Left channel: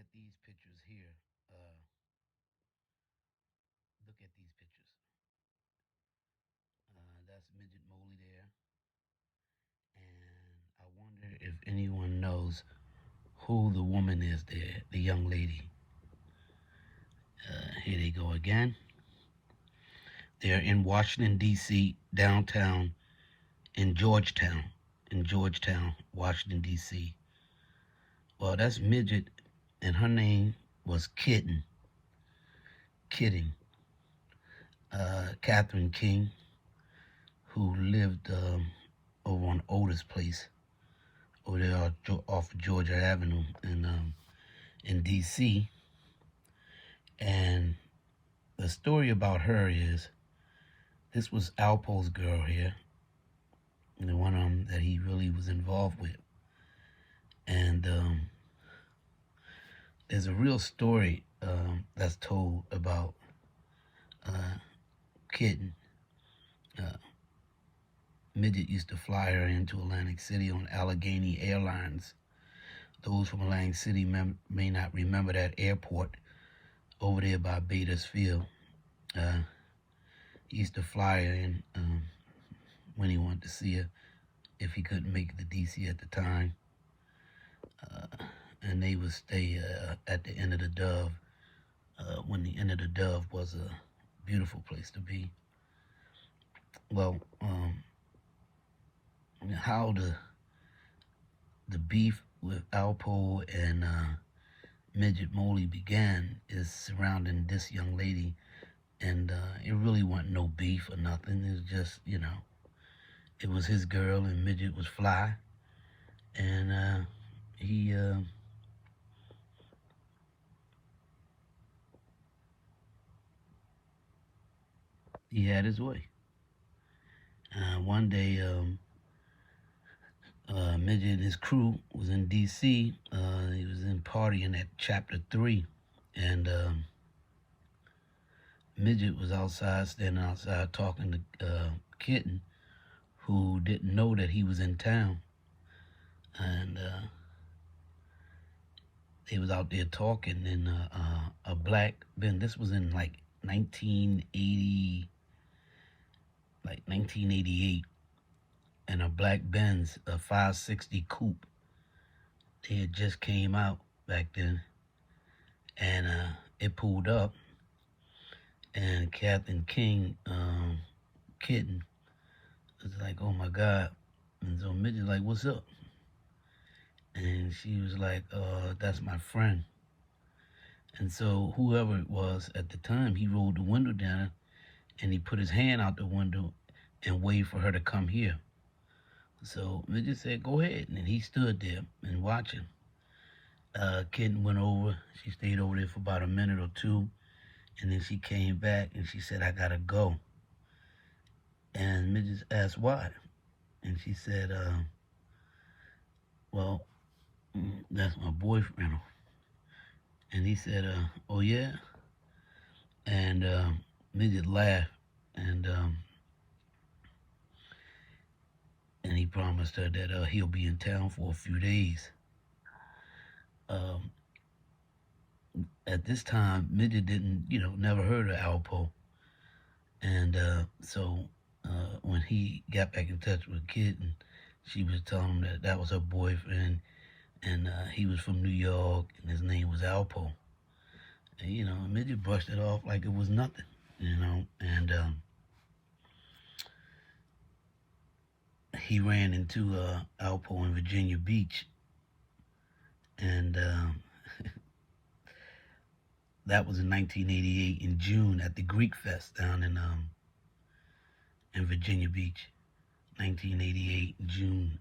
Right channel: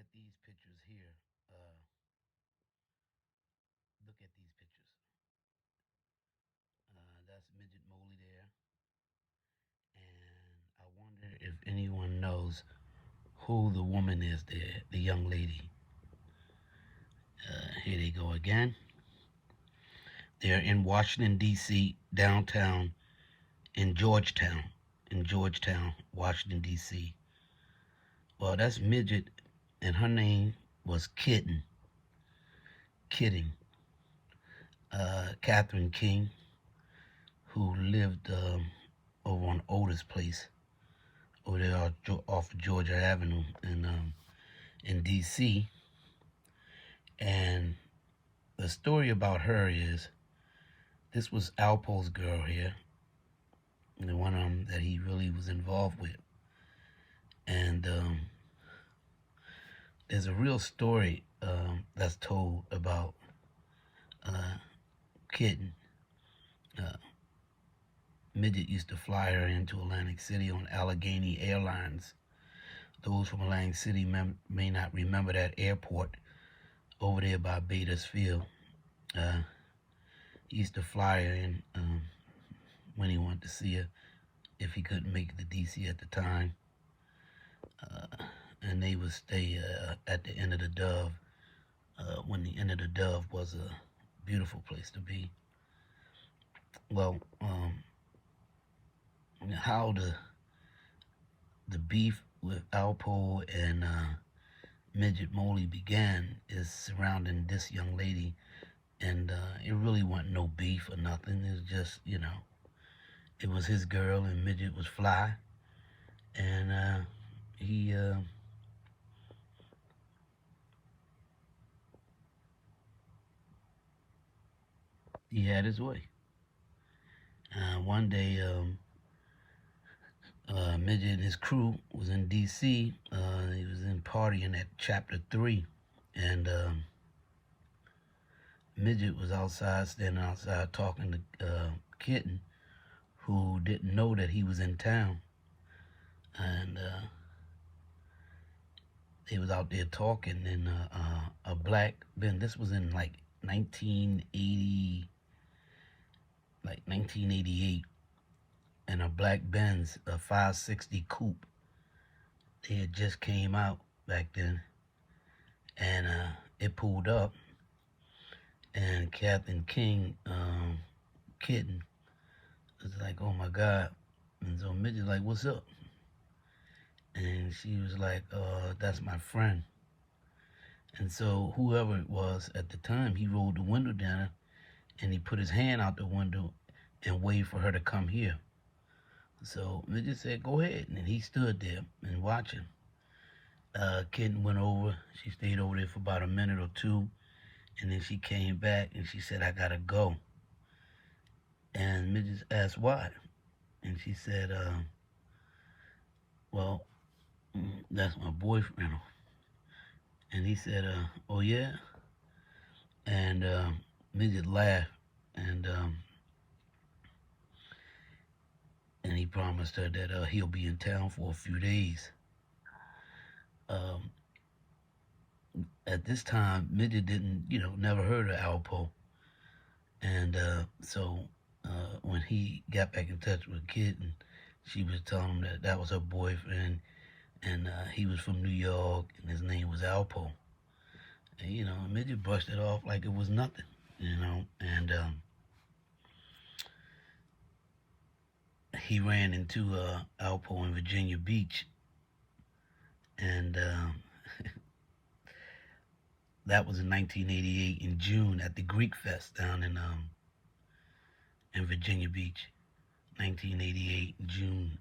at these pictures here. Look at these pictures. That's Midget Moley there. And I wonder if anyone knows who the woman is there, the young lady. Here they go again. They're in Washington, D.C., downtown in Georgetown, Washington, D.C. Well, that's Midget, and her name was Kitten. Katherine King, who lived over on Otis Place, over there off of Georgia Avenue in D.C. And the story about her is, this was Alpo's girl here, the one that he really was involved with. And there's a real story that's told about Kitten. Midget used to fly her into Atlantic City on Allegheny Airlines. Those from Atlantic City may not remember that airport over there by Bader's Field. He used to fly her in when he wanted to see her, if he couldn't make it to D.C. at the time. And they would stay at the End of the Dove, when the End of the Dove was a beautiful place to be. Well, how the beef with Alpo and Midget Molly began is surrounding this young lady, and it really wasn't no beef or nothing. It was just, it was his girl, and Midget was fly, and he had his way. One day, Midget and his crew was in D.C. He was in partying at Chapter 3, and Midget was standing outside talking to Kitten, who didn't know that he was in town. And they was out there talking, and a black Ben. This was in like 1988, and a black Benz, a 560 coupe. They had just came out back then, and it pulled up, and Katherine King, Kitten, was like, "Oh my God!" And so Midget like, "What's up?" And she was like, "That's my friend." And so whoever it was at the time, he rolled the window down, and he put his hand out the window and waved for her to come here. So Midget said, "Go ahead," and he stood there and watching. Kitten went over. She stayed over there for about a minute or two, and then she came back and she said, "I gotta go." And Midget asked why, and she said, "Well, that's my boyfriend." And he said, "Oh yeah?" And Midget laughed, and he promised her that he'll be in town for a few days. At this time, Midget didn't, never heard of Alpo. And so when he got back in touch with Kitten, she was telling him that was her boyfriend, and he was from New York, and his name was Alpo. And, Midget brushed it off like it was nothing, and he ran into Alpo in Virginia Beach, and that was in 1988 in June at the Greek Fest down in Virginia Beach. 1988 June.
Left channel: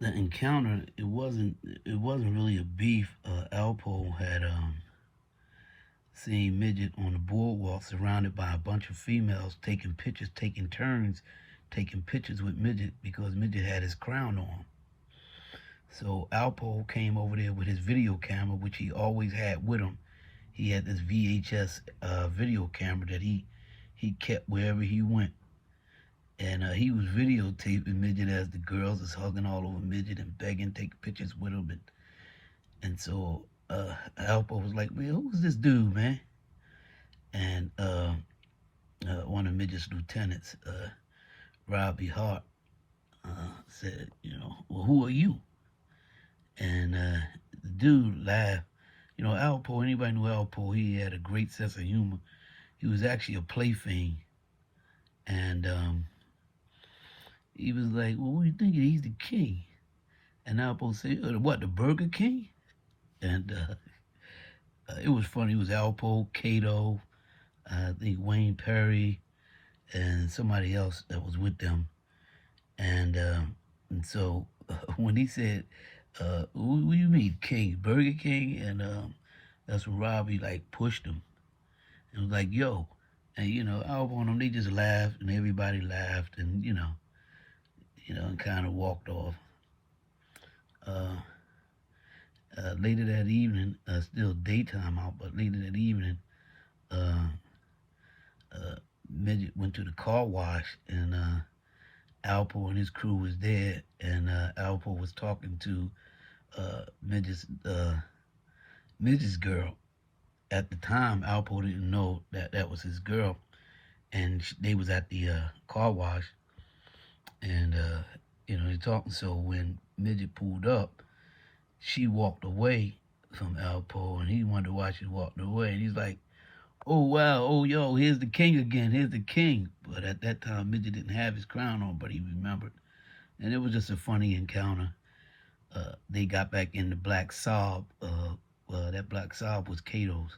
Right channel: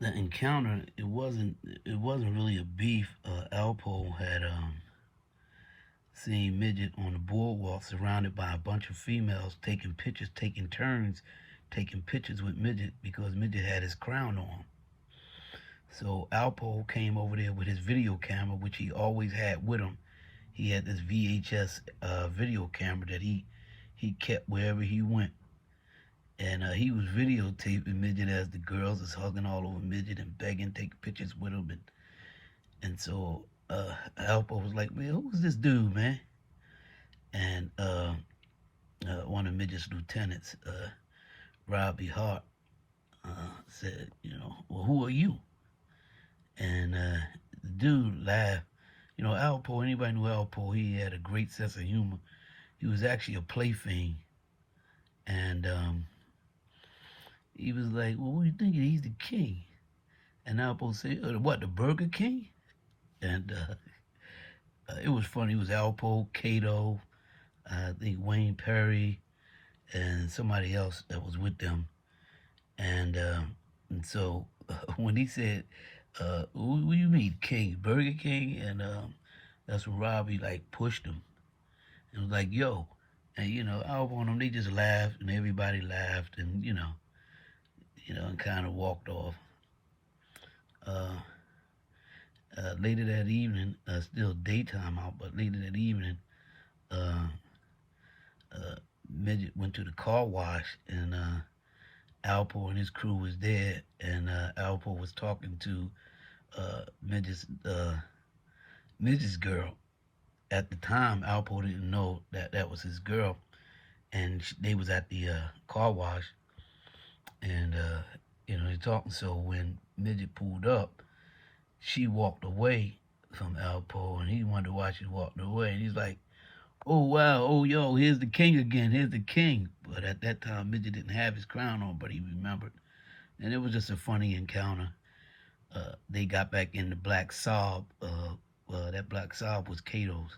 The encounter, it wasn't really a beef. Alpo had seen Midget on the boardwalk surrounded by a bunch of females taking turns taking pictures with Midget, because Midget had his crown on. So Alpo came over there with his video camera, which he always had with him. He had this VHS video camera that he kept wherever he went. And he was videotaping Midget as the girls is hugging all over Midget and begging, take pictures with him. And so Alpo was like, man, who's this dude, man? And one of Midget's lieutenants, Robbie Hart, said, well, who are you? And the dude laughed. Alpo, anybody knew Alpo, he had a great sense of humor. He was actually a plaything. And he was like, well, what are you thinking? He's the king. And Alpo said, what, the Burger King? And it was funny. It was Alpo, Kato, I think Wayne Perry, and somebody else that was with them. And so when he said, what do you mean, King? Burger King? And that's when Robbie like pushed him. It was like, yo. And Alpo and them, they just laughed, and everybody laughed, and and kind of walked off. Later that evening, still daytime out, but later that evening, Midget went to the car wash, and Alpo and his crew was there, and Alpo was talking to Midget's girl. At the time, Alpo didn't know that was his girl, and they was at the car wash, and they talking. So when Midget pulled up, she walked away from Alpo, and he wondered why she walked away. And he's like, oh, wow, oh, yo, here's the king again, here's the king. But at that time, Midget didn't have his crown on, but he remembered. And it was just a funny encounter. They got back in the black Saab. That black Saab was Kato's.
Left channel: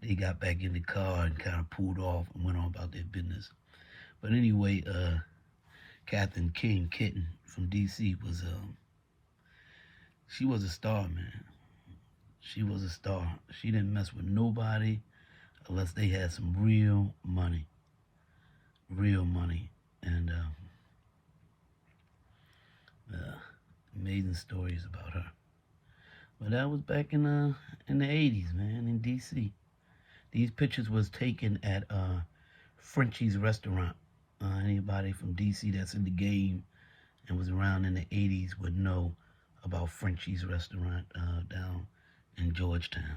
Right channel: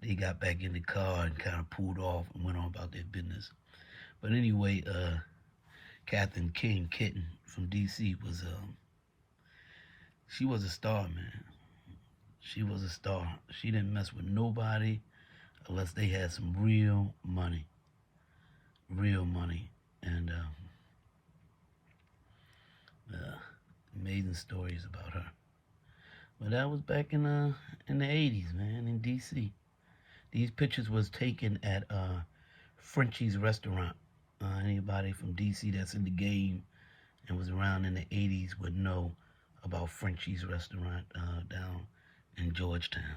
They got back in the car and kind of pulled off and went on about their business. But anyway, Katherine King, Kitten from D.C. she was a star, man. She was a star. She didn't mess with nobody unless they had some real money. Real money. And amazing stories about her. But that was back in the 80s, man, in D.C. These pictures was taken at Frenchie's restaurant. Anybody from D.C. that's in the game and was around in the 80s would know about Frenchie's restaurant down in Georgetown.